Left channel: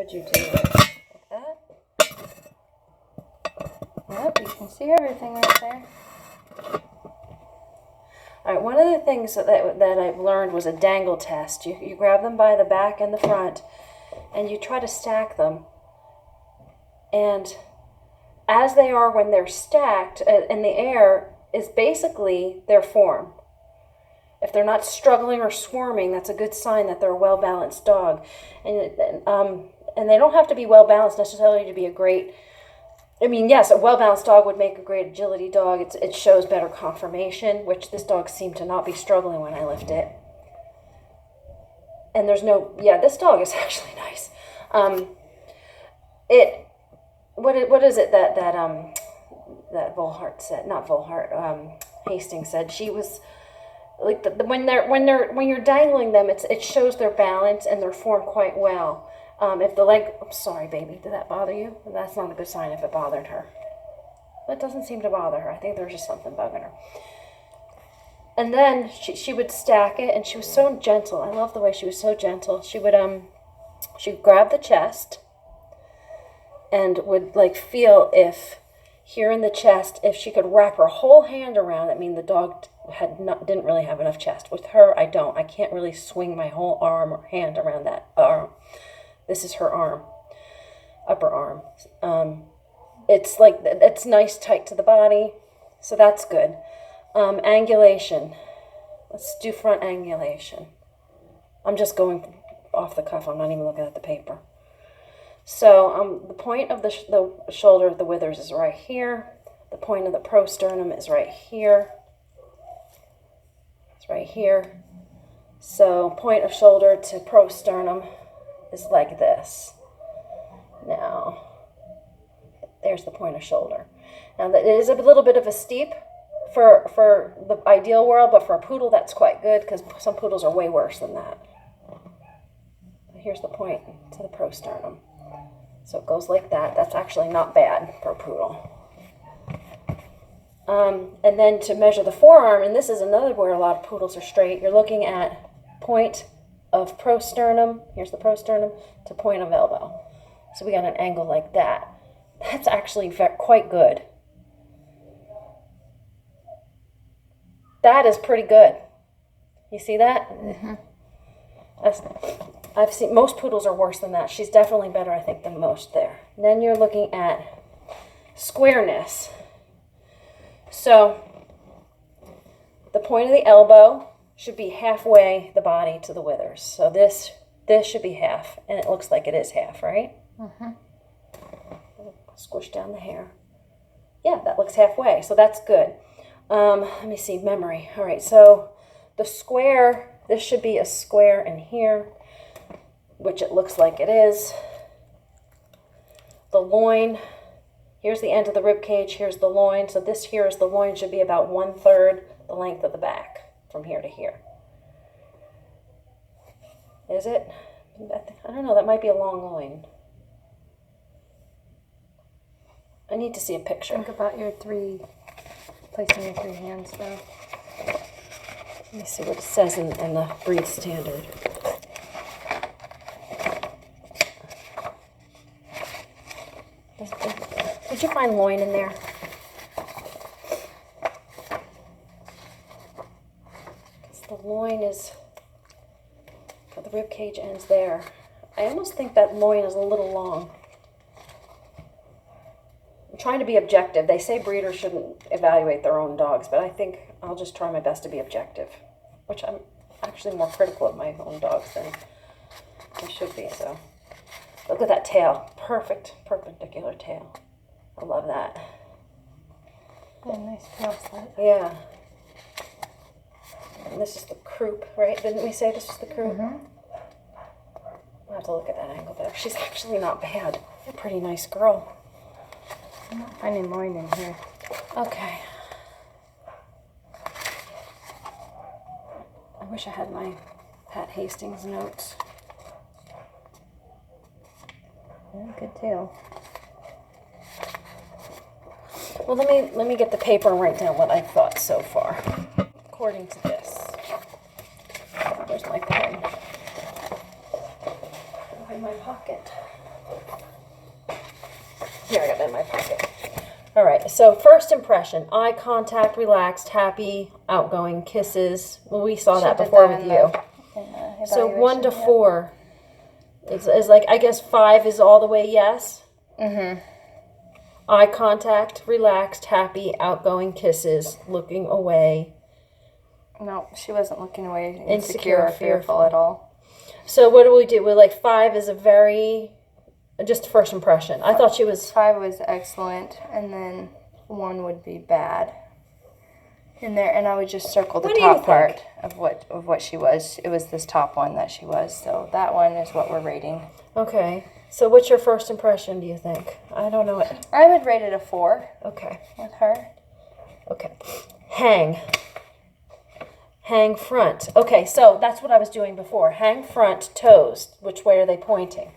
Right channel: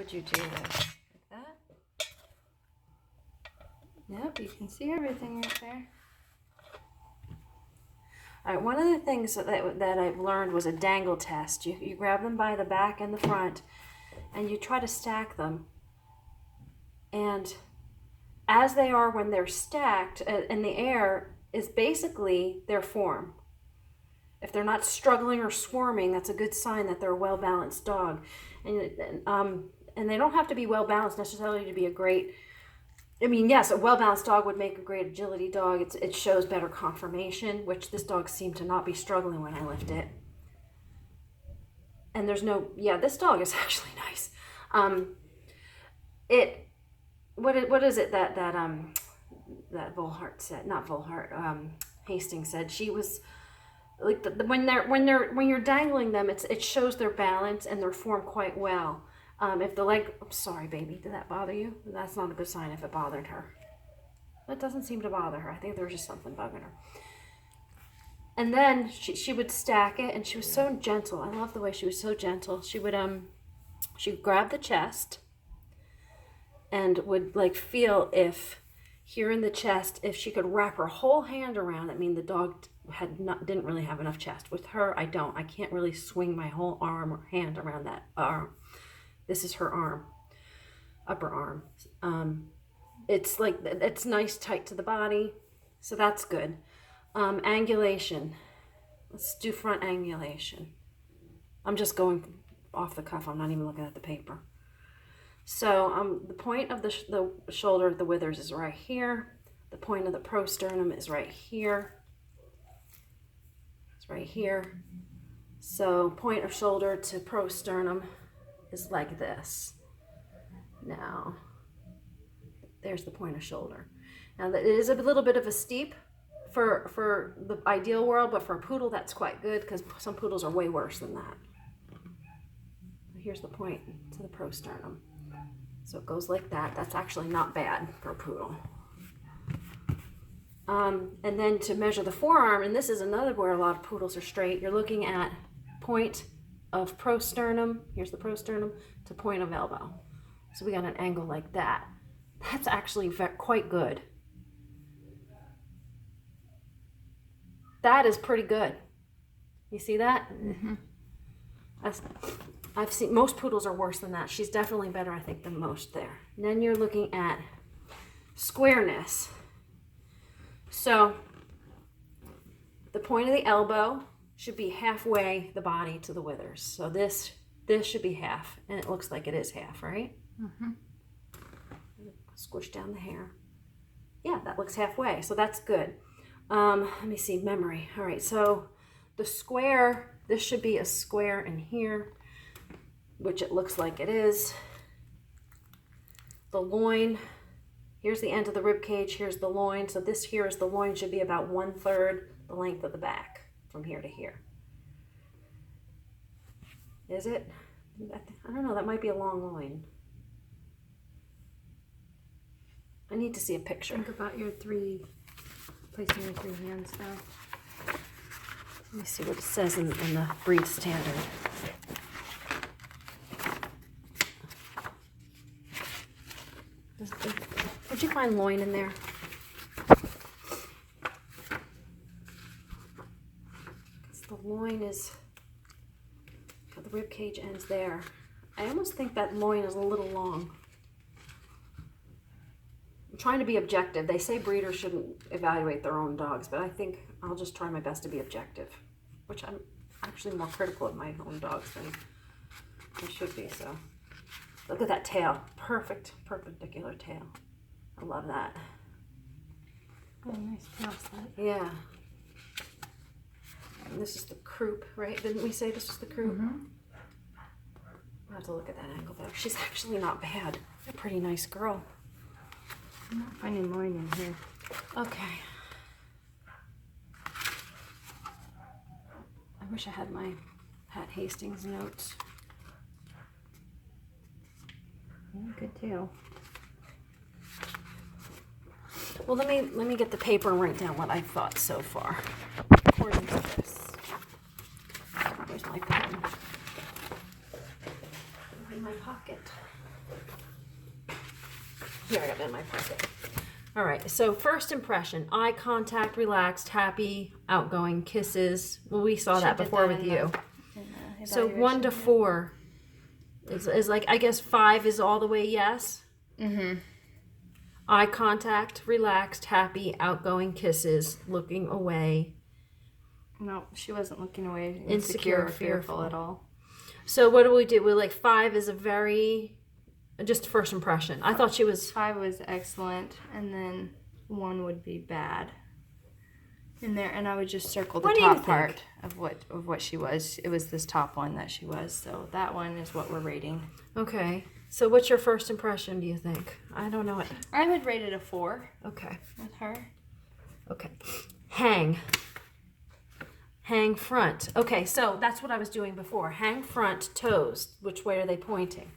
would you do it? Like that? Yep, you can see everything right there. All right, one of the things that I've learned was a dangle test. You grab them by the back and the front, and you try to stack them. And as they are when they're stacked in the air is basically their form. If they're not struggling or squirming, that's a good sign that they're a well-balanced dog. And they don't have to be well-balanced necessarily to be a great... I mean, yes, a well-balanced dog would make a great agility dog. It shows better conformation, which this dog seemed to not be struggling when I lifted it. And there's no... Yeah, this dog is actually nice. What is it that Volhart said? Not Volhart. Hastings said she was... Like when you're dangling them, it shows their balance and their form quite well. If the leg, I'm sorry, baby, did that bother you? That's not a good sign if it bothered her. It doesn't seem to bother her. I think there's just something bugging her. And then she would stack it, and she was so gentle. I love the way she was so gentle. She'd grab the chest and would like feel if here in the chest, if she could wrap her whole hand around it. I mean, the dog didn't really have enough chest. With her, I don't. I can't really swing my whole arm or hand around that arm. This is her arm, upper arm. It's nice tight to the body, so that's good. Angulation. Let's do front angulation. I'm just going off the cuff. I'm not even looking at the paper. So the point of the shoulder of the withers is right here. The point of the prosternum is right here. It's right here. So point of shoulder to prosternum is like this. Now, there's the point of shoulder. Now, it is a little bit of a steep for the ideal world, but for a poodle, that's quite good because some poodles are way worse than that. Here's the point to the prosternum. So it goes like that. That's actually not bad for a poodle. And then to measure the forearm, and this is another where a lot of poodles are straight, you're looking at point of prosternum, here's the prosternum, to point of elbow. So we got an angle like that. That's actually quite good. That is pretty good. You see that? Mm-hmm. I've seen, most poodles are worse than that. She's definitely better, I think, than most there. And then you're looking at squareness. So the point of the elbow should be halfway the body to the withers. So this should be half, and it looks like it is half, right? Mm-hmm. Squish down the hair. Yeah, that looks halfway, so that's good. Let me see, memory. All right, so the square, this should be a square in here, which it looks like it is. The loin, here's the end of the rib cage, here's the loin. So this here is the loin, should be about 1/3 the length of the back from here to here. Is it? I don't know, that might be a long loin. I need to see a picture. Think about your placing your 3 hands there. Let me see what it says in the breed standard. Did you find loin in there? Because the loin is, the rib cage ends there. I almost think that loin is a little long. I'm trying to be objective. They say breeders shouldn't evaluate their own dogs, but I think I'll just try my best to be objective, which I'm actually more critical of my own dogs than I should be. So look at that tail. Perfect, perpendicular tail. I love that. Yeah, nice tail slit. Yeah. And this is the croup, right? Didn't we say this was the croup? Mm-hmm. I'll have to look at that angle there. She's actually not bad. A pretty nice girl. I'm not finding loin in here. Okay. I wish I had my Pat Hastings notes. Yeah, good tail. Well, let me get the paper and write down what I thought so far, according to this. Where's my pen? Oh, in my pocket. Here, I got it in my pocket. All right, so first impression, eye contact, relaxed, happy, outgoing, kisses. Well, we saw that before with you. So 1 to 4 is like, I guess 5 is all the way yes. Mm-hmm. Eye contact, relaxed, happy, outgoing, kisses, looking away. No, she wasn't looking away, Insecure, insecure, fearful at all. So what do we do? We're like 5 is a very, just first impression. I thought she was... 5 was excellent, and then 1 would be bad. In there, and I would just circle the top part of what she was. It was this top one that she was. So that one is what we're rating. Okay. So what's your first impression, do you think? I don't know it. I would rate it a 4. Okay. With her. Okay. Hang. Hang front. Okay, so that's what I was doing before. Hang front, toes. Which way are they pointing?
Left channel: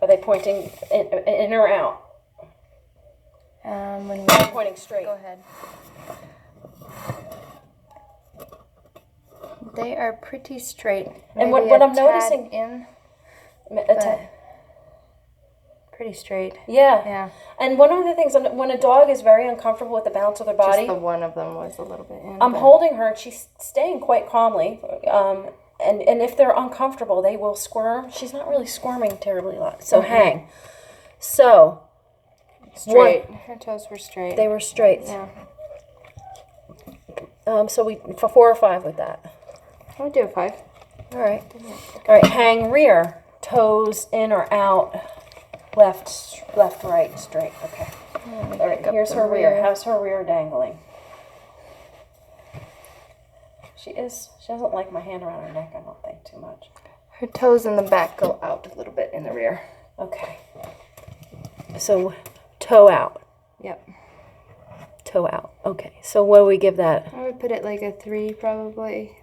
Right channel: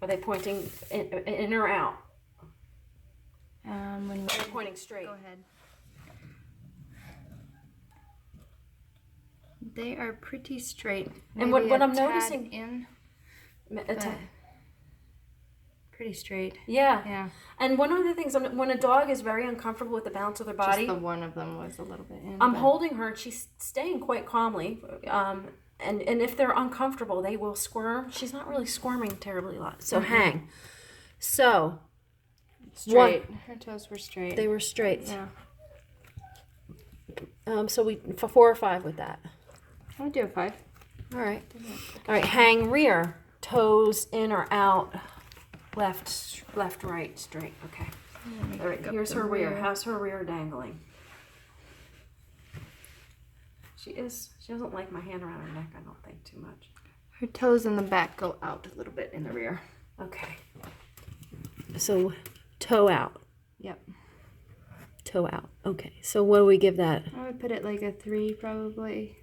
Are they pointing in or out? When They're pointing straight. Go ahead. They are pretty straight. And Maybe what a I'm noticing... in, pretty straight. Yeah. Yeah. And one of the things, when a dog is very uncomfortable with the balance of their body... Just the one of them was a little bit in. I'm holding her, and she's staying quite calmly. And if they're uncomfortable, they will squirm. She's not really squirming terribly a lot. So hang. So... Straight. Her toes were straight. They were straight. Yeah. So we for 4 or 5 with that. I would do a 5. All right. All right. Hang rear. Toes in or out. Left, right, straight. Okay. All right. Here's her rear. How's her rear dangling? She doesn't like my hand around her neck, I don't think, too much. Her toes in the back go out a little bit in the rear. Okay. So, toe out. Yep. Toe out. Okay. So what do we give that? I would put it like a 3 probably.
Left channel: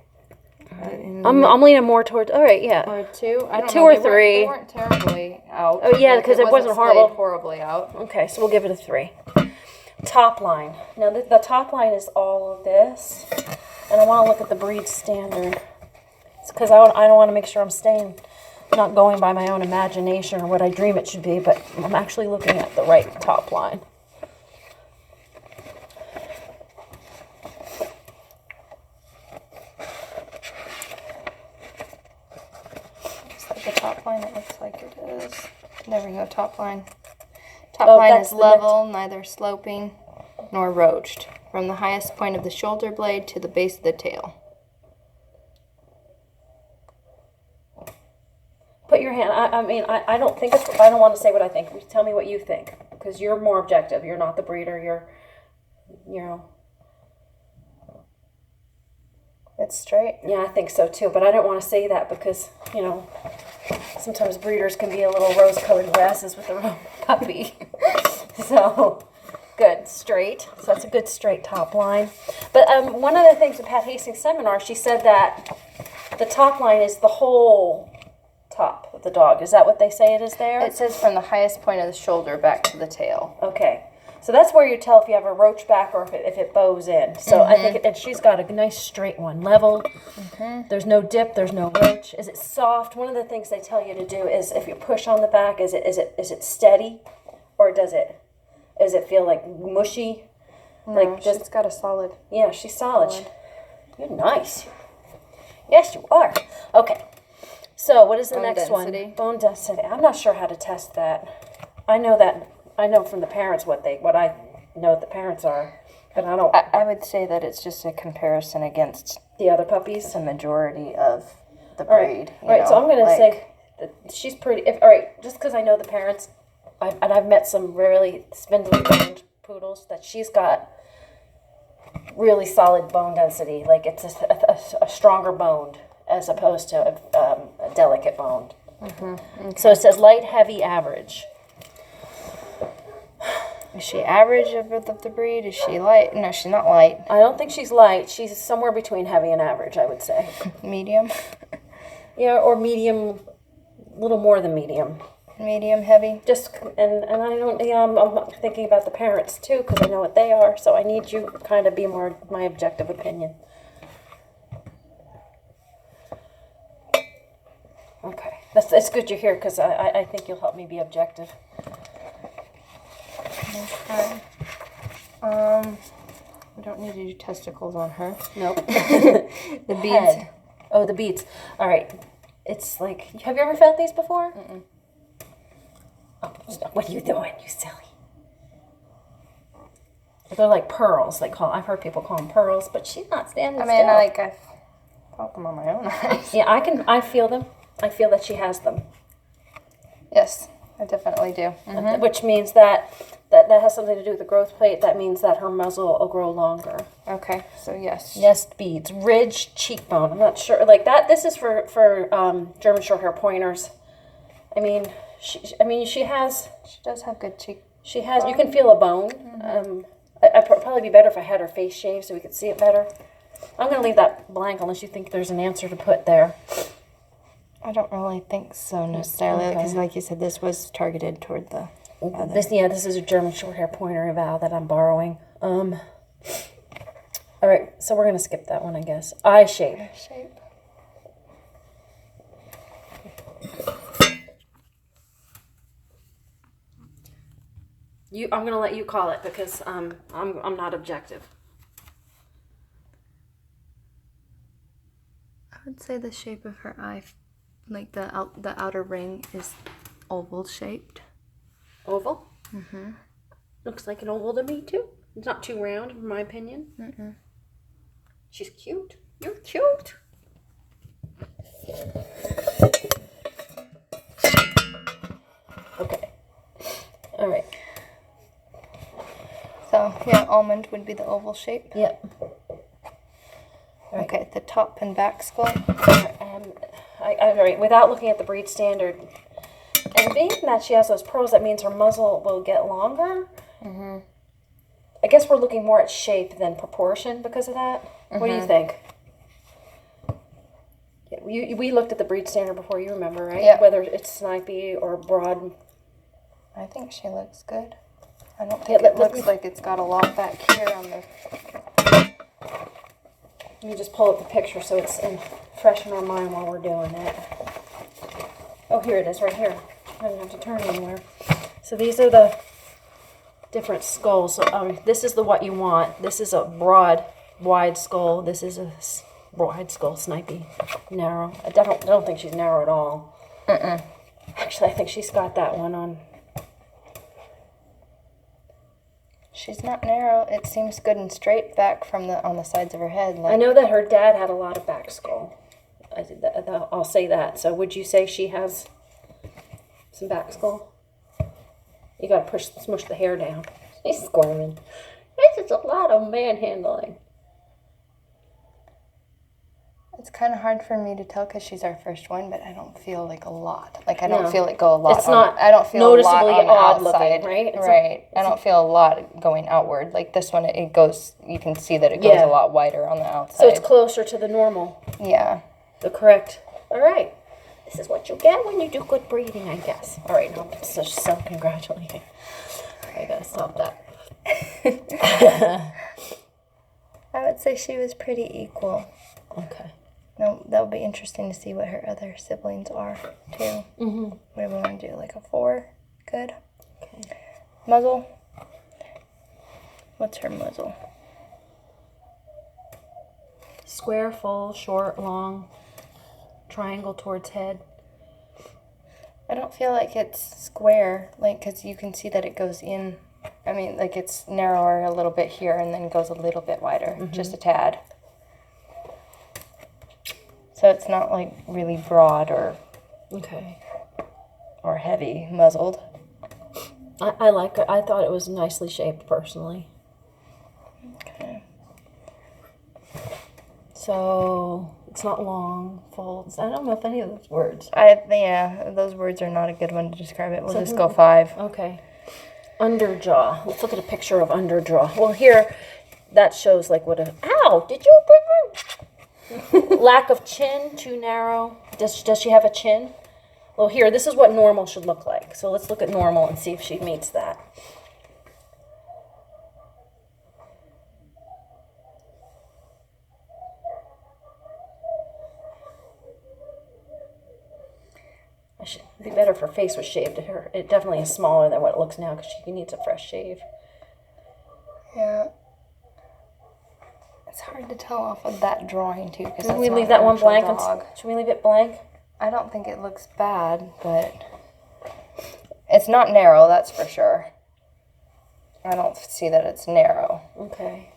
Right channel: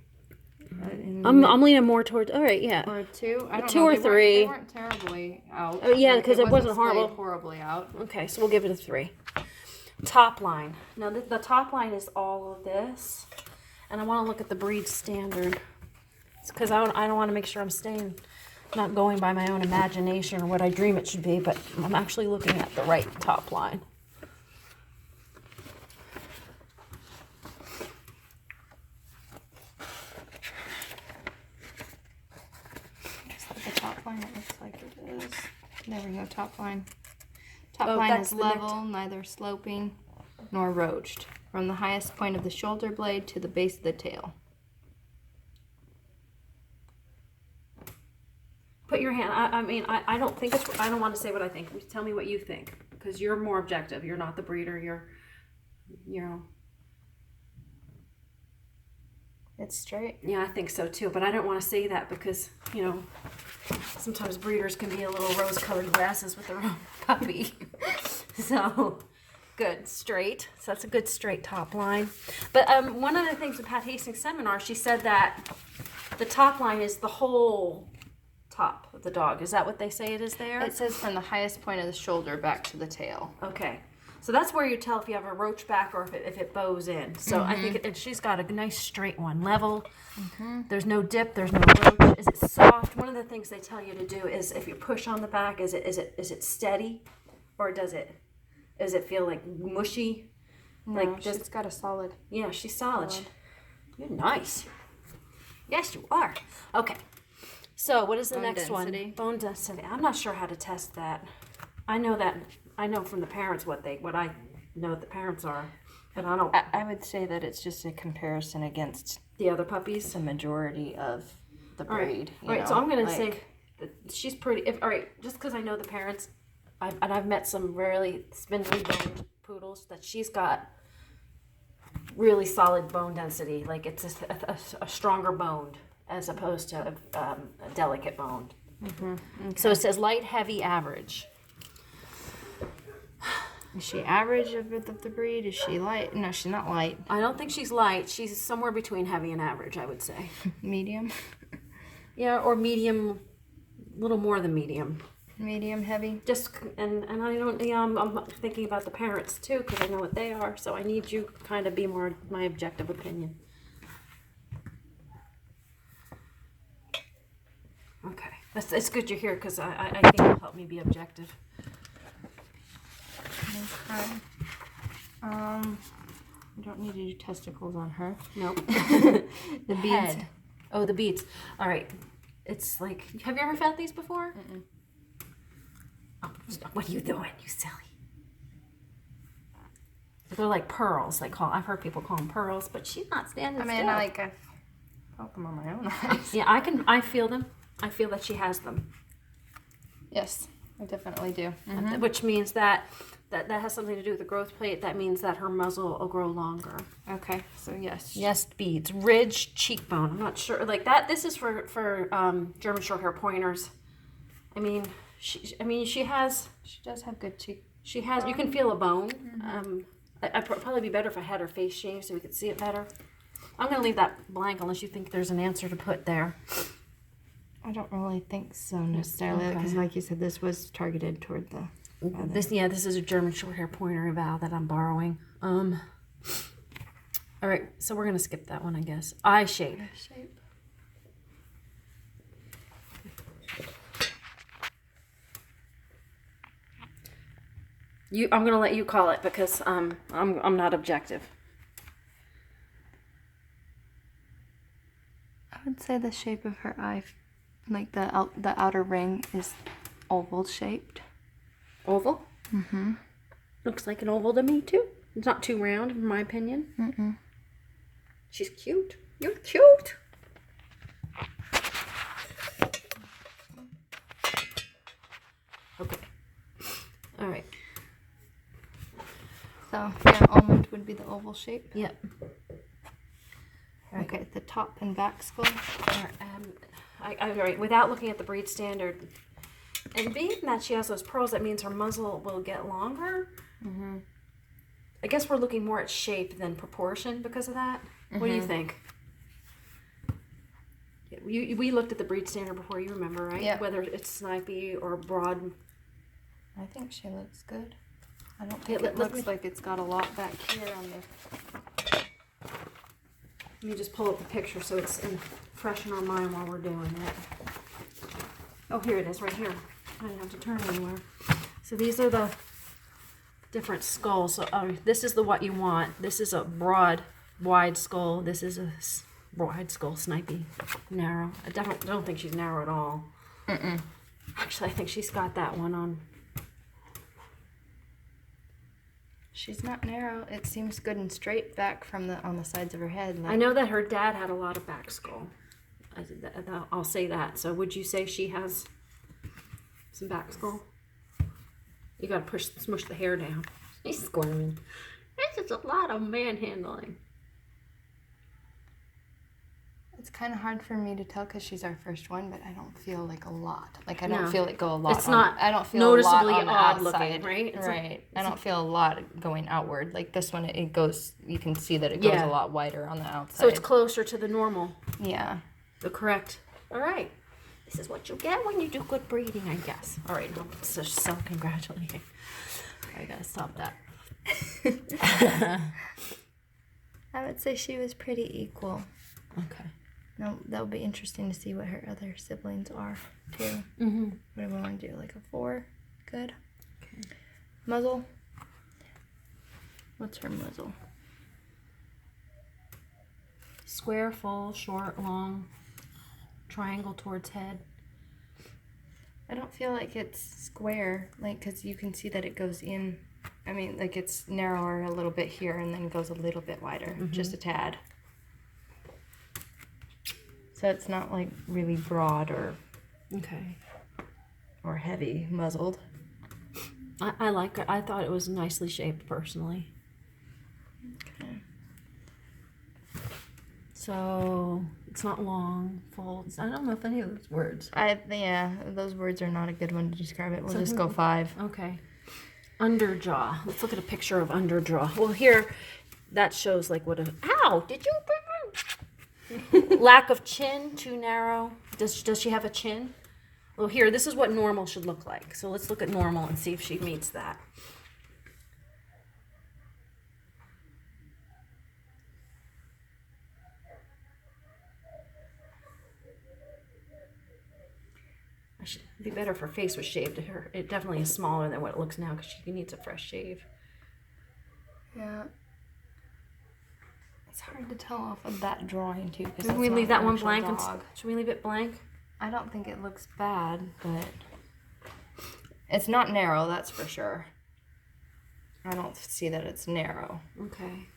I'm leaning more towards. All right. Yeah. Or 2. I don't 2 know. or They 3. weren't terribly out. Oh yeah, because it wasn't horrible. Horribly out. Okay, so we'll give it a 3. Top line. Now the top line is all of this, and I want to look at the breed standard because I don't want to make sure I'm not going by my own imagination or what I dream it should be, but I'm actually looking at the right top line. The top line, it looks like it is. There we go, top line. Top line is level, neither sloping nor roached, from the highest point of the shoulder blade to the base of the tail. Put your hand. I don't think it's. I don't want to say what I think. Tell me what you think, because you're more objective. You're not the breeder. You're. It's straight. Yeah, I think so too. But I don't want to say that because sometimes breeders can be a little rose-colored glasses with their own puppy. So, good, straight. So that's a good straight top line. But one of the things with Pat Hastings' seminar, she said that the top line is the whole top of the dog. Is that what they say it is there? It says from the highest point of the shoulder back to the tail. Okay. So that's where you tell if you have a roach back or if it bows in. So I think and she's got a nice straight one, level. There's no dip, there's no roach. Is it soft? One of the things they tell you to do is if you push on the back, is it steady, or does it feel like mushy? No, Like she's got a solid. Yeah, she's solid. You're nice. Yes, you are. Okay. So what is the next density. one? Bone density. I'm not sure how to test that. I know from the parents what I know the parents are, but I don't. I would say that it's just a comparison against The other puppies. the majority of the All breed. right. All right. So I'm gonna say that she's pretty. All right. Just because I know the parents, and I've met some really spindly boned poodles that she's got really solid bone density. Like it's a stronger boned as opposed to a delicate boned. Okay. So it says light, heavy, average. Is she average of the breed? Is she light? No, she's not light. I don't think she's light. She's somewhere between heavy and average, I would say. Medium? Yeah, or medium, a little more than medium. Medium, heavy? Just, and I don't, I'm thinking about the parents too, because I know what they are, so I need you to kind of be more my objective opinion. Okay. It's good you're here because I think it'll help me be objective. Okay. We don't need to do testicles on her. Nope. The beads. Head. Oh, the beads. All right. It's like, have you ever felt these before? Mm-mm. Oh, what are you doing, you silly? They're like pearls. I've heard people call them pearls, but she's not standing still. I felt them on my own eyes. Yeah, I feel them. I feel that she has them. Yes, I definitely do. Mm-hmm. Which means that has something to do with the growth plate. That means that her muzzle will grow longer. Okay, so yes. Yes, beads. Ridge cheekbone. I'm not sure. Like that. This is for German Shorthair pointers. She has. She does have good cheek. She has. You can feel a bone. Mm-hmm. I'd probably be better if I had her face shaved so we could see it better. I'm gonna leave that blank unless you think there's an answer to put there. I don't really think so necessarily, because like you said, this was targeted toward the other. This is a German Shorthair pointer eval that I'm borrowing. All right, so we're gonna skip that one, I guess. Eye shape. I'm gonna let you call it because I'm not objective. I would say the shape of her eye, like the outer ring, is oval shaped. Oval? Mm-hmm. Looks like an oval to me too. It's not too round, in my opinion. Mm-mm. She's cute. You're cute. Okay. All right. So yeah, almond would be the oval shape. Yep. Right. Okay, the top and back skull. All right, without looking at the breed standard, and being that she has those pearls, that means her muzzle will get longer. Mm-hmm. I guess we're looking more at shape than proportion because of that. Mm-hmm. What do you think? We looked at the breed standard before, you remember, right? Yeah. Whether it's snipey or broad. I think she looks good. I don't think it looks like it's got a lot back here on the... Let me just pull up the picture so it's fresh in our mind while we're doing it. Oh, here it is, right here. I didn't have to turn anywhere. So these are the different skulls. So this is what you want. This is a broad, wide skull. This is a wide skull, snipey, narrow. I don't think she's narrow at all. Mm-mm. Actually, I think she's got that one on. She's not narrow. It seems good and straight back from on the sides of her head. I know that her dad had a lot of back skull. I'll say that. So would you say she has some back skull? You gotta smush the hair down. He's squirming. This is a lot of manhandling. It's kind of hard for me to tell because she's our first one, but I don't feel like a lot. Like I don't feel it go a lot. It's not. I don't feel noticeably a lot odd looking, right? Right. I don't feel a lot going outward. Like this one, it goes. You can see that it goes a lot wider on the outside. So it's closer to the normal. Yeah. The correct. All right. This is what you get when you do good breeding, I guess. All right. No, so congratulating. I gotta stop that. I would say she was pretty equal. Okay. No, that'll be interesting to see what her other siblings are, too. Mm-hmm. What do we want to do? Like a 4? Good. Okay. Muzzle. What's her muzzle? Square, full, short, long, triangle towards head. I don't feel like it's square, like, because you can see that it goes in. I mean, like, it's narrower a little bit here and then goes a little bit wider, just a tad. So it's not like really broad or or heavy muzzled. I like her. I thought it was nicely shaped personally. Okay. So it's not long, full. I don't know if any of those words. Yeah, those words are not a good one to describe it. We'll just go 5. Okay. Underjaw. Let's look at a picture of underjaw. Well, here that shows like what a. Ow! Did you? Lack of chin, too narrow. Does she have a chin? Well, here, this is what normal should look like. So let's look at normal and see if she meets that. better if her face was shaved. It definitely is smaller than what it looks now because she needs a fresh shave. Yeah. It's hard to tell off of that drawing too. Should we leave that one blank? Should we leave it blank? I don't think it looks bad, but it's not narrow, that's for sure. I don't see that it's narrow. Okay.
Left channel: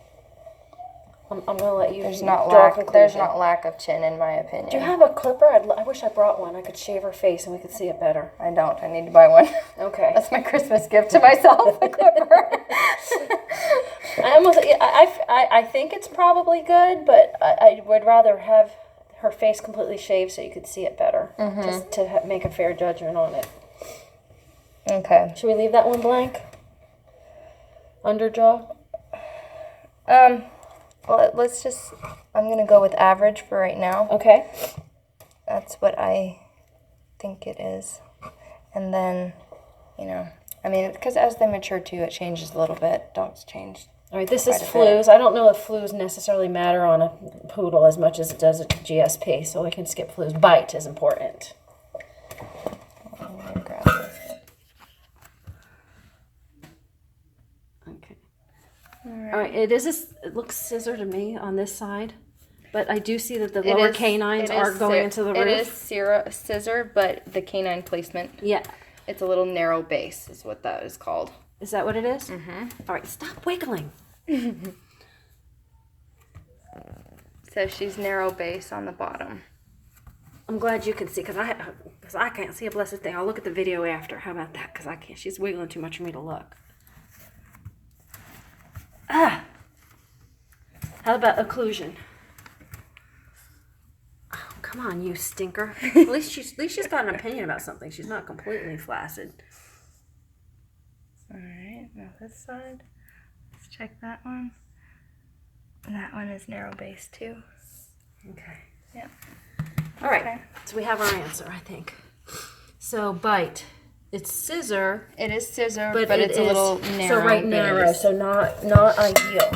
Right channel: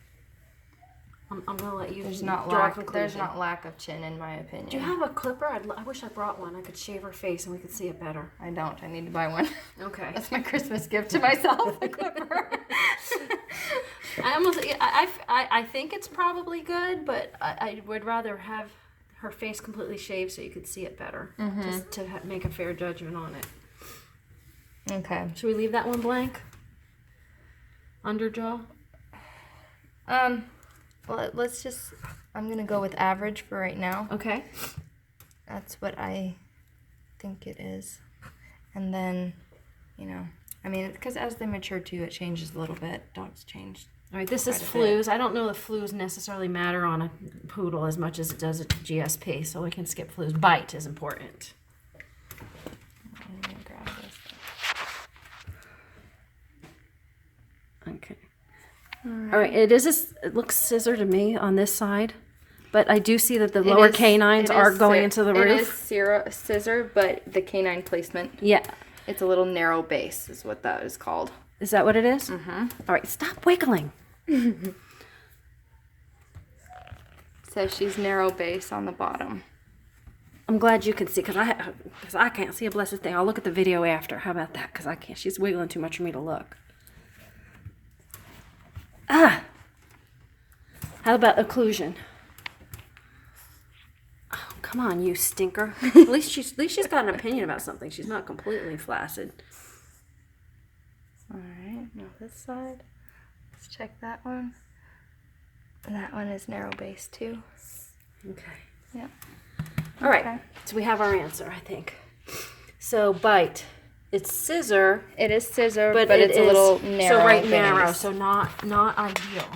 I'm gonna let you There's draw not a conclusion. there's not lack of chin in my opinion. Do you have a clipper? I wish I brought one. I could shave her face and we could see it better. I don't. I need to buy one. Okay. That's my Christmas gift to myself, a clipper. I think it's probably good, but I would rather have her face completely shaved so you could see it better, just to make a fair judgment on it. Okay. Should we leave that one blank? Underjaw? Well, let's just, I'm going to go with average for right now. Okay. That's what I think it is. And then, I mean, because as they mature too, it changes a little bit. Dogs change. All right, this is flues. I don't know if flues necessarily matter on a poodle as much as it does a GSP, so we can skip flues. Bite is important. I'm going to grab this. Okay. All right. It looks scissor to me on this side, but I do see that the lower canines are going into the roof. It is scissor, but the canine placement. Yeah. It's a little narrow base is what that is called. Is that what it is? Mm-hmm. All right, stop wiggling. So she's narrow base on the bottom. I'm glad you can see, because I can't see a blessed thing. I'll look at the video after. How about that? Because I can't. She's wiggling too much for me to look. Ah. How about occlusion? Oh, come on, you stinker. At least she's got an opinion about something. She's not completely flaccid. All right, now this side. Let's check that one. And that one is narrow base too. Okay. Yep. All right. So we have our answer, I think. So bite. It's scissor. It is scissor, but it's a little narrow. So narrow, so not ideal.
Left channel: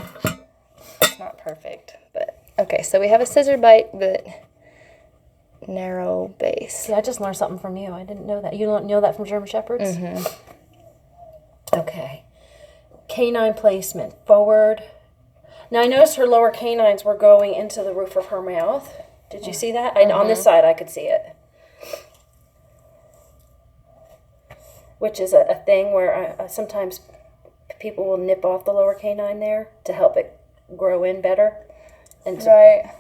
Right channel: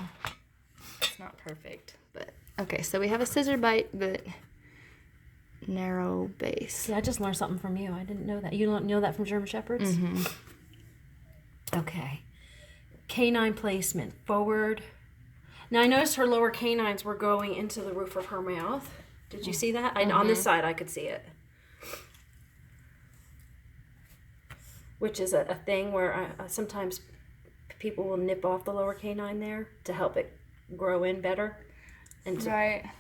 It's not perfect, but okay. So we have a scissor bite, but narrow base. See, I just learned something from you. I didn't know that. You don't know that from German Shepherds? Mm-hmm. Okay. Canine placement. Forward. Now, I noticed her lower canines were going into the roof of her mouth. Did you see that? On this side, I could see it. Which is a thing where sometimes people will nip off the lower canine there to help it grow in better. And Right.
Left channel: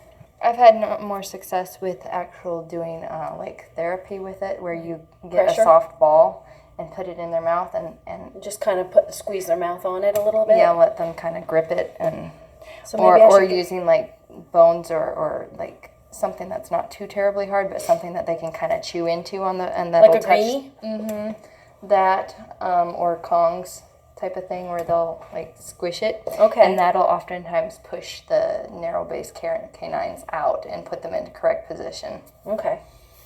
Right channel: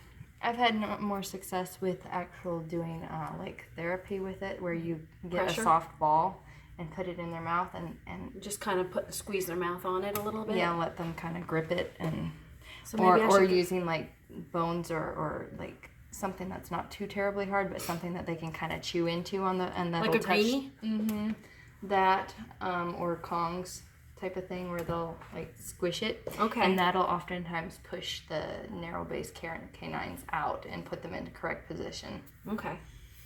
I've had more success with actual doing like therapy with it, where you get Pressure? a soft ball and put it in their mouth and just kind of squeeze their mouth on it a little bit. yeah, let them kind of grip it, and So maybe I or should using like bones or like something that's not too terribly hard, but something that they can kind of chew into on the and that'll like a greenie. Mm-hmm. That or Kongs type of thing where they'll like squish it. Okay. And that'll oftentimes push the narrow base canines out and put them into correct position. Okay.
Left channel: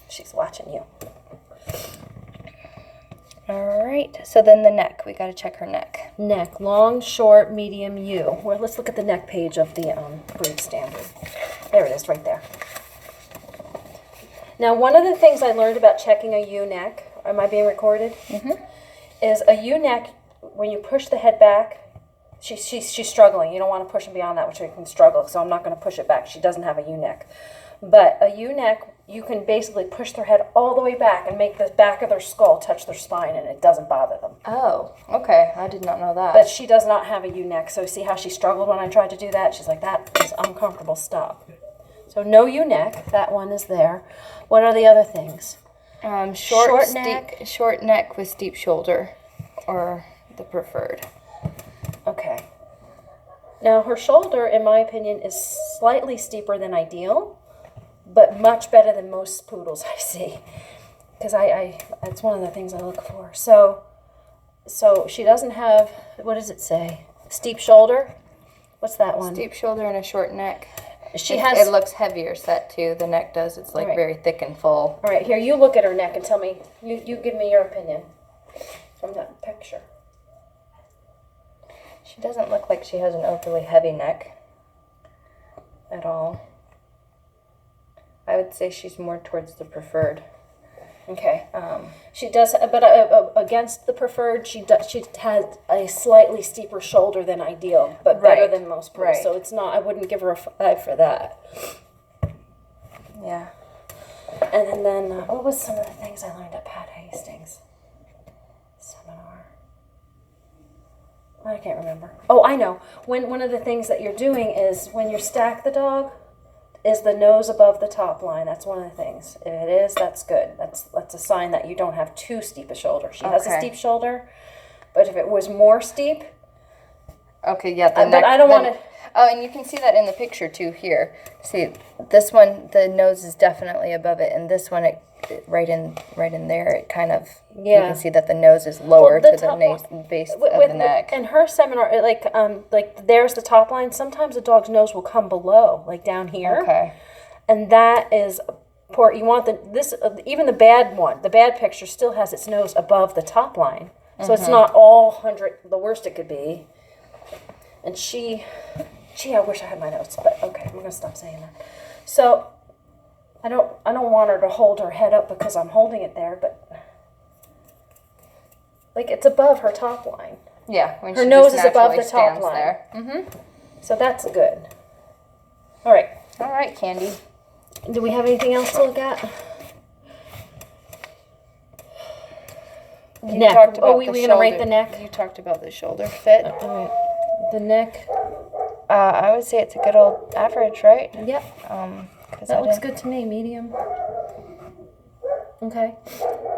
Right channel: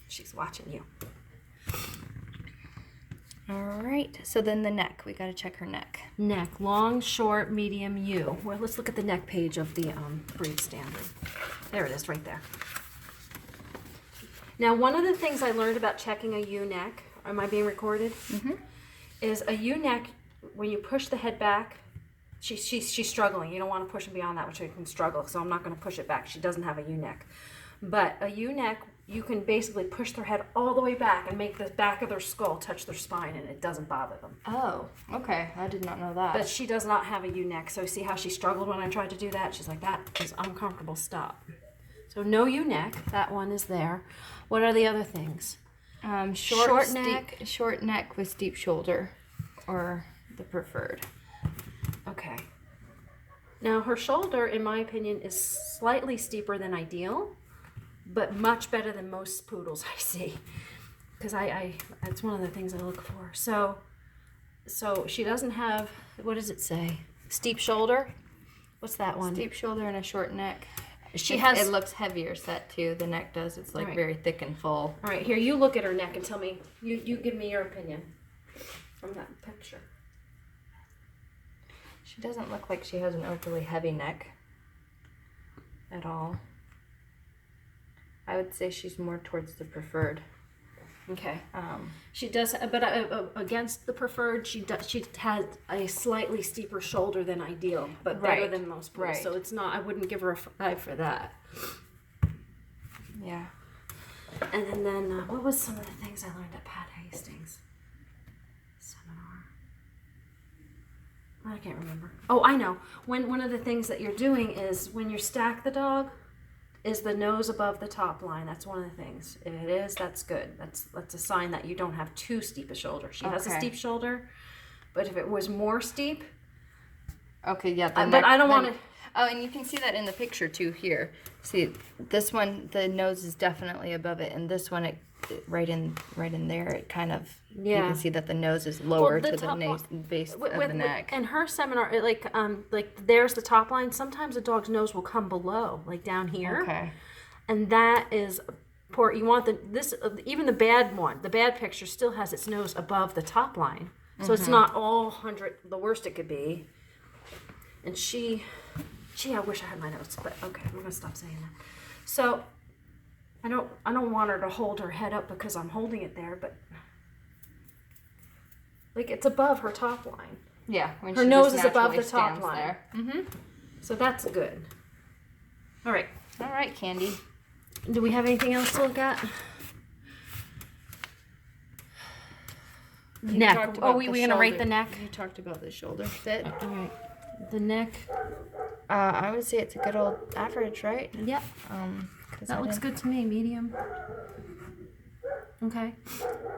She's watching you. All right. So then the neck. We got to check her neck. Neck, long, short, medium, U. Well, let's look at the neck page of the breed standard. There it is, right there. Now, one of the things I learned about checking a U neck, am I being recorded? Mm-hmm. Is a U neck, when you push the head back, she's struggling. You don't want to push it beyond that, which we can struggle, so I'm not going to push it back. She doesn't have a U neck. But a U neck, you can basically push their head all the way back and make the back of their skull touch their spine, and it doesn't bother them. Oh, okay. I did not know that. But she does not have a U neck, so see how she struggled when I tried to do that? She's like, that is uncomfortable, stop. So no U neck, that one is there. What are the other things? Short neck with steep shoulder, or the preferred. Okay. Now her shoulder, in my opinion, is slightly steeper than ideal, but much better than most poodles I see. Because that's one of the things I look for. So she doesn't have, what does it say? Steep shoulder? What's that one? Steep shoulder and a short neck. It looks heavier set too. The neck does. It's like very thick and full. All right, here, you look at her neck and tell me, you give me your opinion from that picture. She doesn't look like she has an overly heavy neck at all. I would say she's more towards the preferred. Okay. She does, but against the preferred, she has a slightly steeper shoulder than ideal, but better Right. than most bulls. Right. So it's not. I wouldn't give her a 5 for that. Yeah. And then what was some of the things I learned at Pat Hastings seminar? I can't remember. Oh, I know. One of the things that you're doing is when you stack the dog, is the nose above the top line. That's one of the things. If it is, that's good. That's a sign that you don't have too steep a shoulder. She has a Okay. steep shoulder, but if it was more steep, Okay, yeah. but I don't want to. Oh, and you can see that in the picture too here. See, this one, the nose is definitely above it, and this one, it right in there, it kind of, you can see that the nose is lower to the base of the neck. In her seminar, like there's the top line. Sometimes a dog's nose will come below, like down here. Okay. And that is poor. You want even the bad one. The bad picture still has its nose above the top line, so it's not all 100. The worst it could be. And I wish I had my notes, but okay, I'm gonna stop saying that. So, I don't want her to hold her head up because I'm holding it there, but like it's above her top line. Yeah, when her nose is above the top line. There. Mm-hmm. So that's good. All right. All right, Candy. Do we have anything else to look at? You neck. talked about we're gonna rate the neck. You talked about the shoulder fit. All right. The neck. I would say it's a good old average, right? Yep. That looks good to me. Medium. Okay.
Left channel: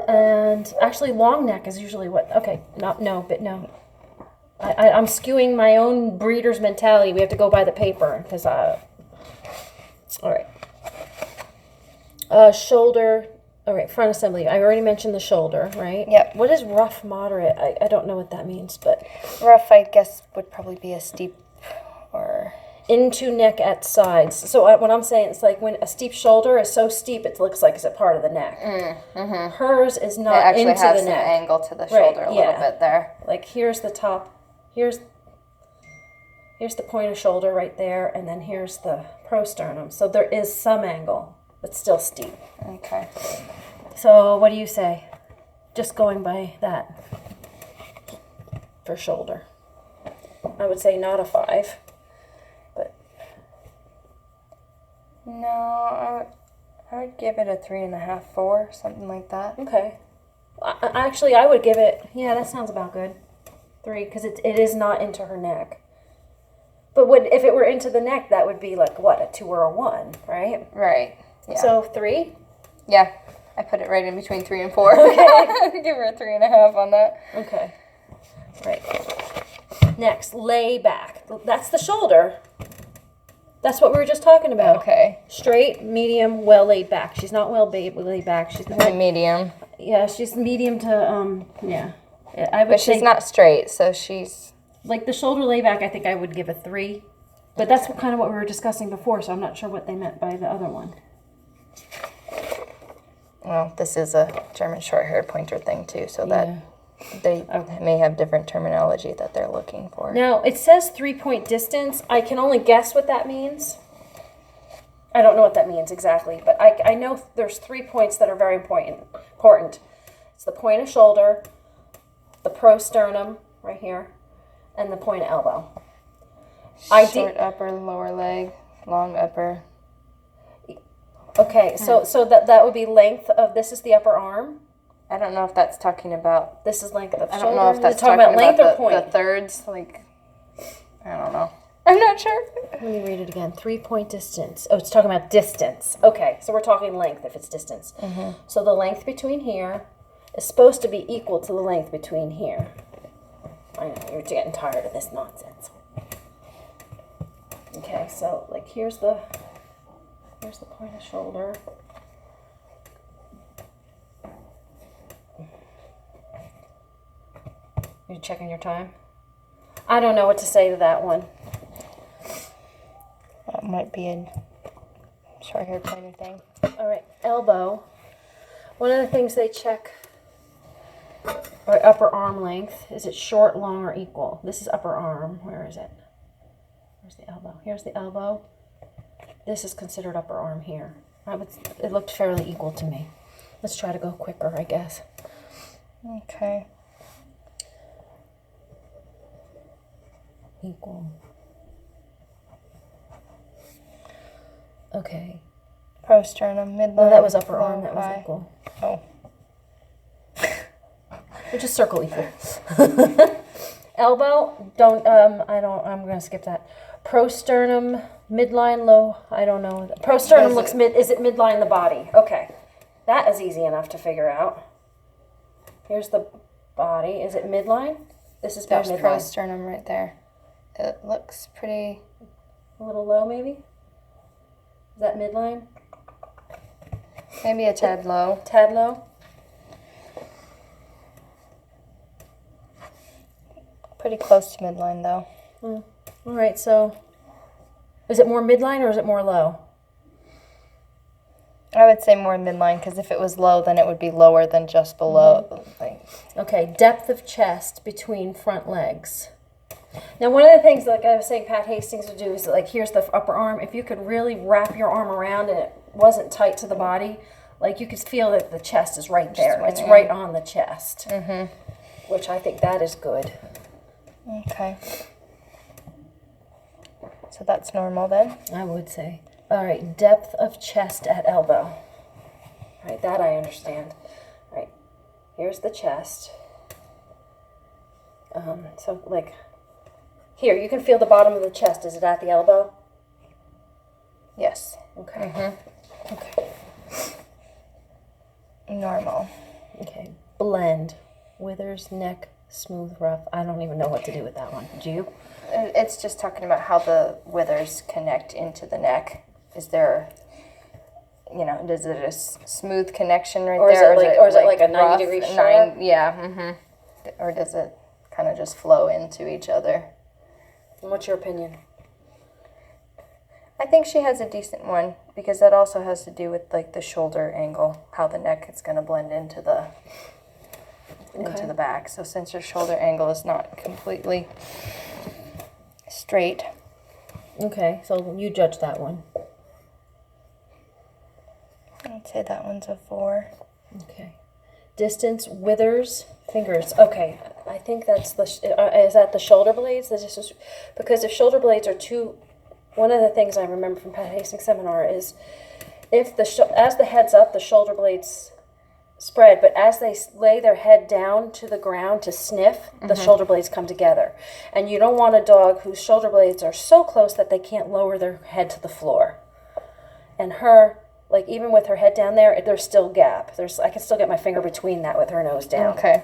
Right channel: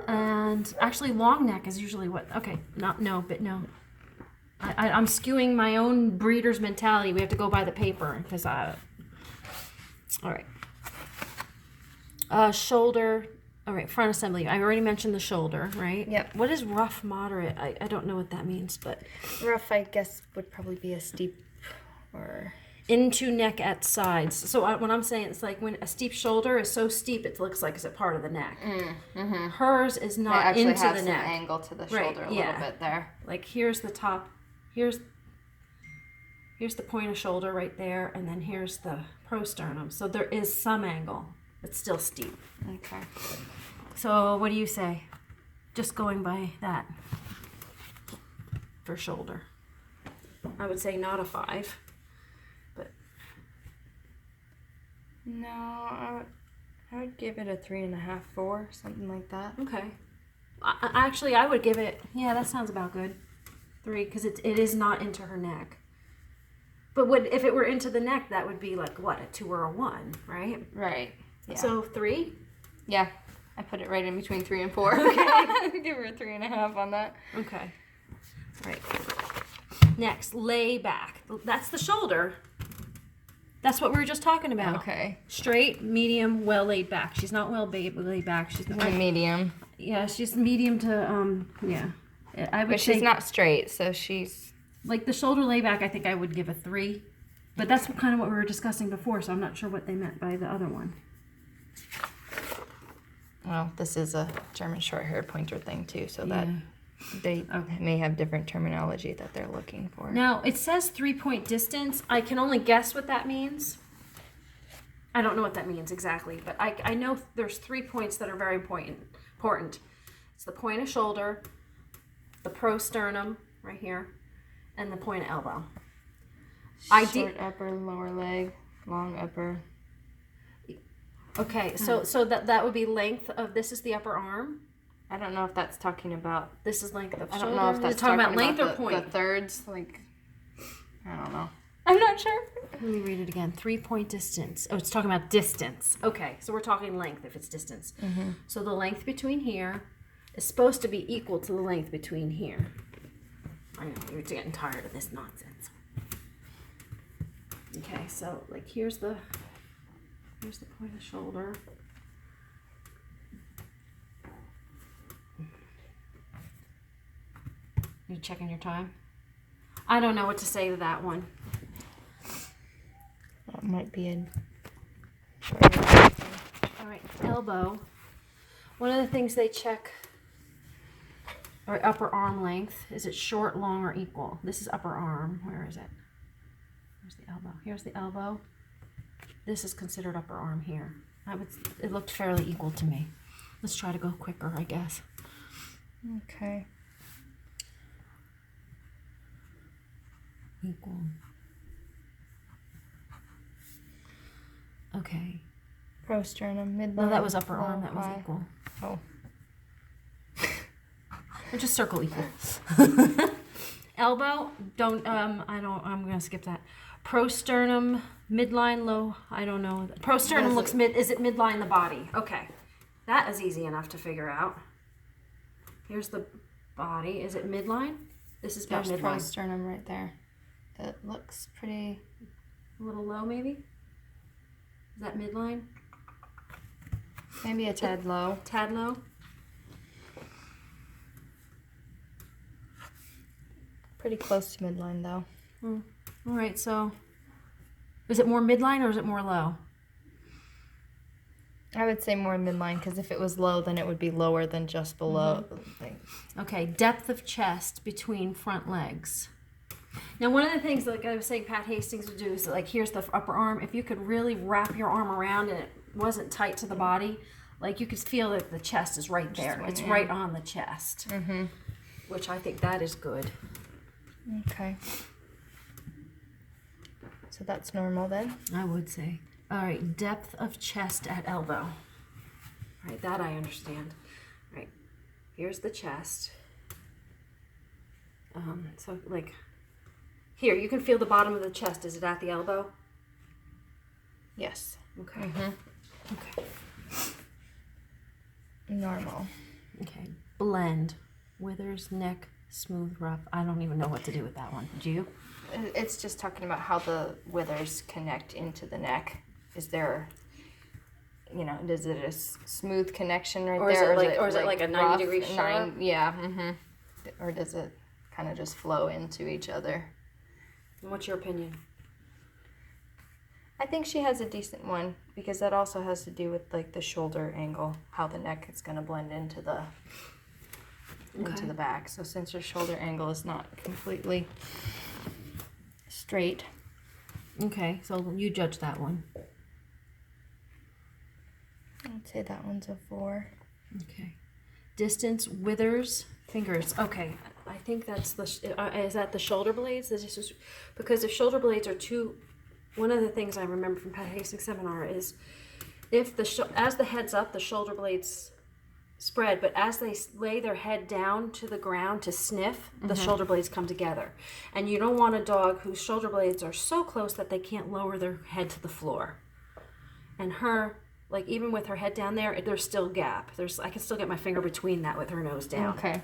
And actually, long neck is usually what. Okay. No. I'm skewing my own breeder's mentality. We have to go by the paper because all right. Shoulder. All right, front assembly. I already mentioned the shoulder, right? Yep. What is rough, moderate? I don't know what that means, but rough, I guess, would probably be a steep or into neck at sides. So what I'm saying, it's like when a steep shoulder is so steep, it looks like it's a part of the neck. Mm-hmm. Hers is not it actually into has the some neck. Angle to the shoulder a little bit there. Like here's the top. Here's the point of shoulder right there, and then here's the prosternum. So there is some angle, but still steep. Okay. So what do you say? Just going by that for shoulder. I would say not a 5, but no, I would give it a 3.5, 4, something like that. okay. Actually, I would give it. Yeah, that sounds about good. 3, because it is not into her neck. But if it were into the neck, that would be like what, a 2 or a 1, right? Right. Yeah. So 3. Yeah, I put it right in between 3 and 4. Okay. Give her a 3.5 on that. Okay. Right. Next, lay back. That's the shoulder. That's what we were just talking about. Okay. Straight, medium, well laid back. She's not well laid back. She's not, medium. Yeah, she's medium to yeah. I would But say, she's not straight, so she's like the shoulder lay back. I think I would give a 3. But that's kind of what we were discussing before, so I'm not sure what they meant by the other one. Well, this is a German short-haired pointer thing too, so that they may have different terminology that they're looking for. Now, it says 3-point distance. I can only guess what that means. I don't know what that means exactly, but I know there's 3 points that are very important. It's the point of shoulder, the prosternum right here, and the point of elbow. Short upper, lower leg, long upper. Okay, so that would be length of, this is the upper arm. I don't know if that's talking about. This is length of shoulder. I don't know if that's talking about length or point. The thirds, like. I don't know. I'm not sure. Let me read it again. 3-point distance. Oh, it's talking about distance. Okay, so we're talking length if it's distance. Mm-hmm. So the length between here is supposed to be equal to the length between here. I know, you're getting tired of this nonsense. Okay, so like here's the point of shoulder. You checking your time? I don't know what to say to that one. That might be a short thing. All right, elbow. One of the things they check, or upper arm length, is it short, long, or equal? This is upper arm. Where is it? Where's the elbow? Here's the elbow. This is considered upper arm here. It looked fairly equal to me. Let's try to go quicker, I guess. Okay. Equal. Okay. Prosternum, midline. No, that was upper arm. low That was thigh. equal. Oh. We'll just circle equal. Elbow, I'm going to skip that. Prosternum, midline, low, I don't know. Prosternum looks is it midline the body? Okay. That is easy enough to figure out. Here's the body. Is it midline? This is There's midline. prosternum right there. It looks pretty... A little low, maybe? Is that midline? Maybe a tad low. Tad low? Pretty close to midline, though. All right, so is it more midline or is it more low? I would say more midline, because if it was low, then it would be lower than just below. Okay, depth of chest between front legs. Now, one of the things, like I was saying, Pat Hastings would do is, like, here's the upper arm. If you could really wrap your arm around and it wasn't tight to the body, like, you could feel that the chest is right there. It's right on the chest, which I think that is good. Okay. So that's normal then? I would say. All right, depth of chest at elbow. All right, that I understand. All right, here's the chest. So, like, here, you can feel the bottom of the chest. Is it at the elbow? Yes. Okay. Okay. Normal. Okay. Blend. Withers, neck, smooth, rough. I don't even know what to do with that one. Do you? It's just talking about how the withers connect into the neck. Is there, is it a smooth connection right there? Or is it like a 90 rough, degree sharp? Yeah. Or does it kind of just flow into each other? And what's your opinion? I think she has a decent one, because that also has to do with, like, the shoulder angle, how the neck is going to blend into the back. So since her shoulder angle is not completely straight. Okay, so you judge that one. I'd say that one's a 4. Okay. Distance, withers, fingers. Okay, I think that's is that the shoulder blades? Because if shoulder blades are too, one of the things I remember from Pat Hastings' seminar is if as the head's up, the shoulder blades spread, but as they lay their head down to the ground to sniff, the shoulder blades come together. And you don't want a dog whose shoulder blades are so close that they can't lower their head to the floor. And her, like, even with her head down there, there's still gap. I can still get my finger between that with her nose down. Okay.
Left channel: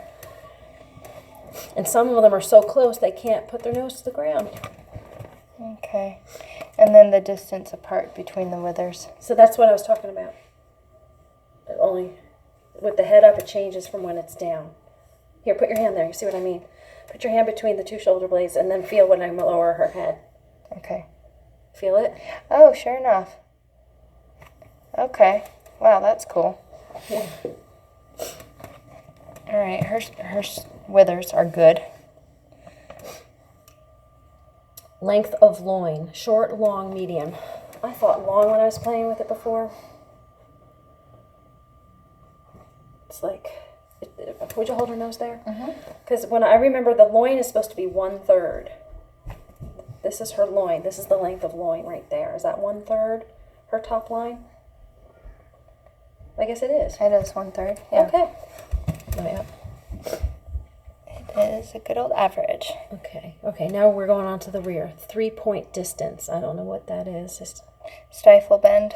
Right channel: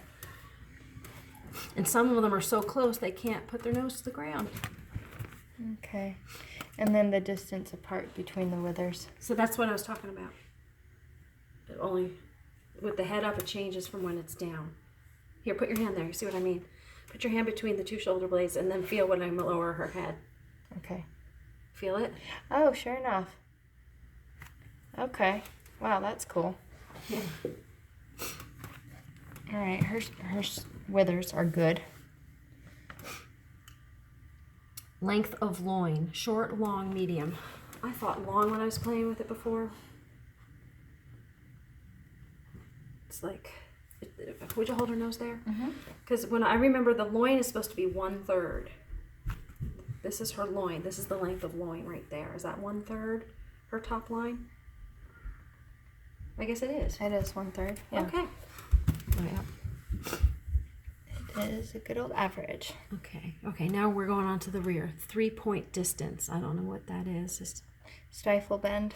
And some of them are so close they can't put their nose to the ground. Okay. And then the distance apart between the withers. So that's what I was talking about. Only with the head up, it changes from when it's down. Here, put your hand there. You see what I mean? Put your hand between the two shoulder blades and then feel when I lower her head. Okay. Feel it? Oh, sure enough. Okay. Wow, that's cool. Yeah. All right, her withers are good. Length of loin. Short, long, medium. I thought long when I was playing with it before. It's like, would you hold her nose there? Because when I remember, the loin is supposed to be 1/3. This is her loin. This is the length of loin right there. Is that 1/3 her top line? I guess it is. It is 1/3. Yeah. Okay. Yeah. It is a good old average. Okay. Okay. Now we're going on to the rear. 3-point distance. I don't know what that is. Just Stifle bend.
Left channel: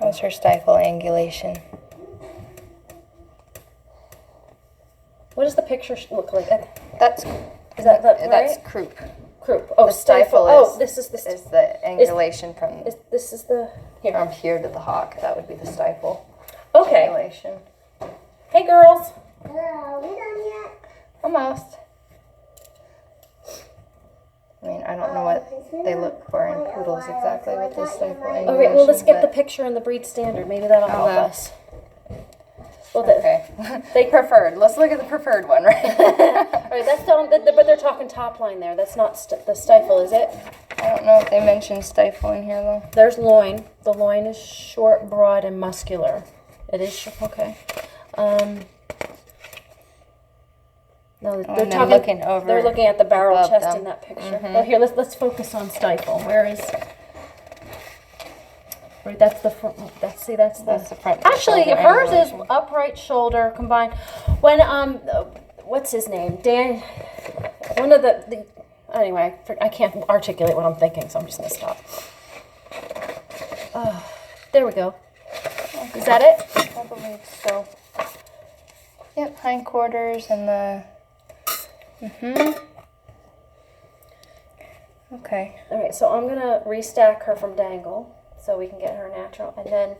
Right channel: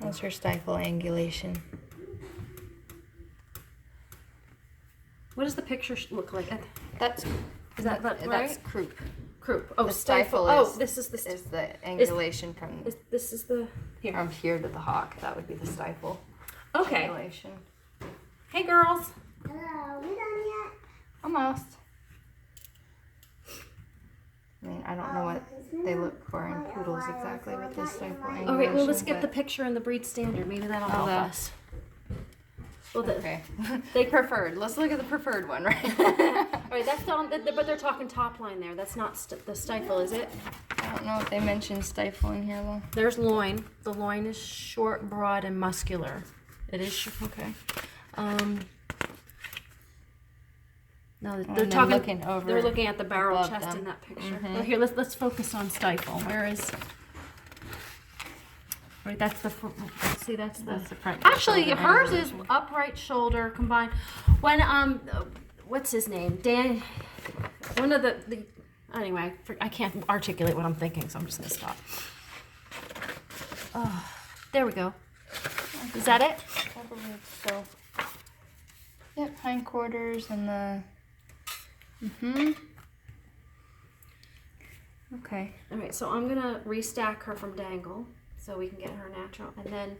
How's her stifle angulation? what does the picture look like? That's Right? croup. Croup. Oh, The stifle Oh, is- this is the. Is the angulation from This is the here. here to the hock. That would be the stifle. Okay. Angulation. Hey, girls. Hello, we done yet? Almost. I mean, I don't know what they look for in poodles exactly with this stifle angulation. All right. Well, let's get the but- picture in the breed standard. Maybe that'll help Okay. us. Well, Okay. they preferred. Let's look at the preferred one, right? All right. That's but they're talking top line there. That's not the stifle, is it? I don't know if they mentioned stifle in here though. There's loin. The loin is short, broad, and muscular. It is okay. No, they're looking over. They're looking at the barrel chest them. in that picture. But here, let's focus on stifle. Where is? Right, that's the front. Let's see, that's the front. Actually, hers is upright shoulder combined. When what's his name? Dan. One of the anyway, I can't articulate what I'm thinking, so I'm just gonna stop. There we go. Is that it? I believe so. Yep, hindquarters and the. Okay. All right, so I'm gonna restack her from dangle so we can get her natural, and then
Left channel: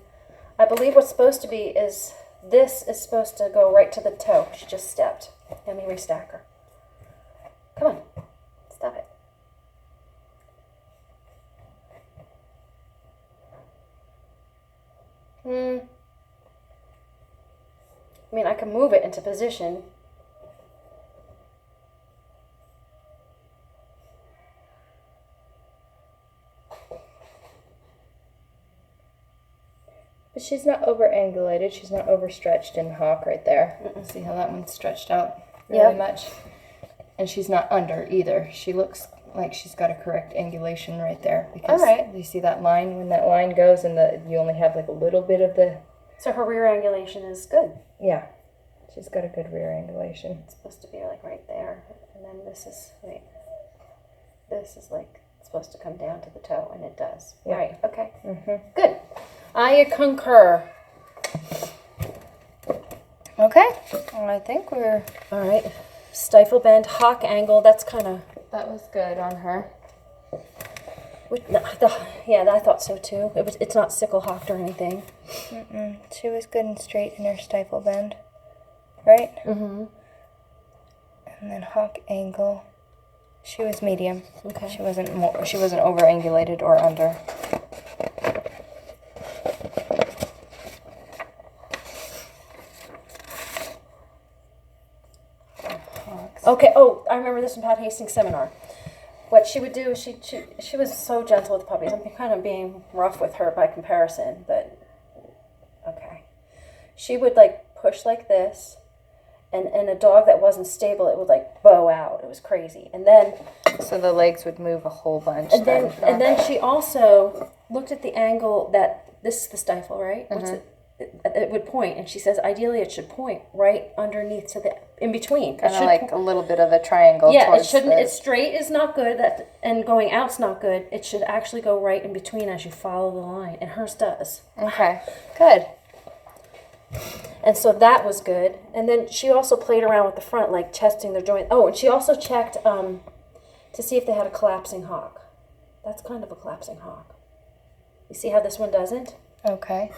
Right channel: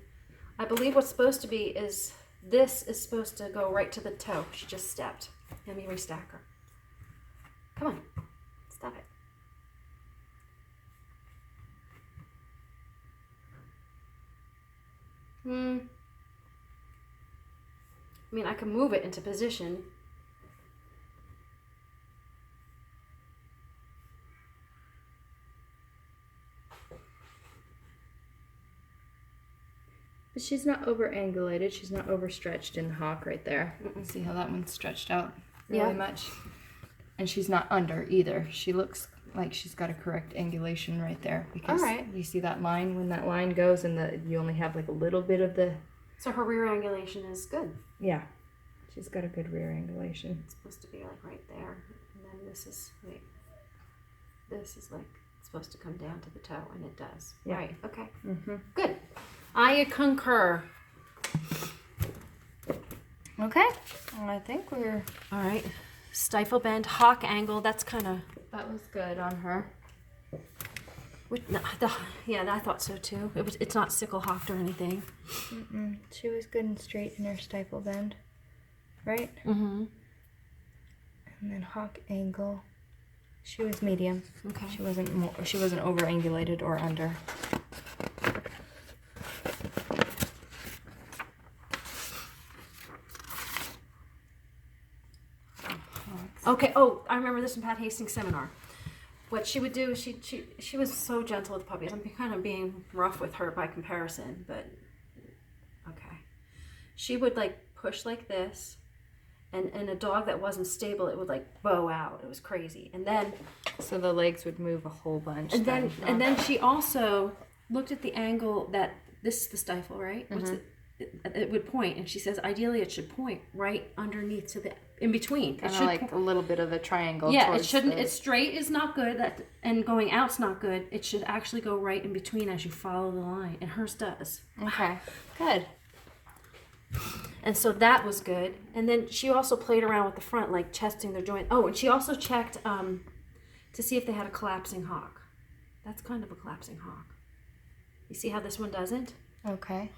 I believe what's supposed to be is this is supposed to go right to the toe. She just stepped. Let me restack her. Come on, stop it. I mean, I can move it into position. But she's not over-angulated. She's not overstretched in hawk right there. See how that one's stretched out really much? And she's not under either. She looks like she's got a correct angulation right there. Because you see that line? When that line goes and you only have like a little bit of the... So her rear angulation is good. Yeah. She's got a good rear angulation. It's supposed to be like right there. And then this is, this is like supposed to come down to the toe, and it does. Yeah. Right, okay. Good. I concur. Okay. Well, I think we're... All right. Stifle bend, hawk angle. That's kind of... That was good on her. Yeah, I thought so too. It's not sickle hawked or anything. She was good and straight in her stifle bend, right? And then hawk angle. She was medium. Okay. She wasn't over angulated or under. Okay. Oh, I remember this from Pat Hastings' seminar. What she would do is she was so gentle with puppies. I'm kind of being rough with her by comparison, but okay. She would like push like this, and a dog that wasn't stable, it would like bow out. It was crazy. And then so the legs would move a whole bunch. And then she also looked at the angle that this is the stifle, right? What's it? It would point, and she says ideally it should point right underneath to the in between. Kind of like a little bit of a triangle. Yeah, it shouldn't. It's straight is not good. And going out's not good. It should actually go right in between as you follow the line, and hers does. Okay, good. And so that was good. And then she also played around with the front, like testing their joint. Oh, and she also checked to see if they had a collapsing hawk. That's kind of a collapsing hawk. You see how this one doesn't? Okay.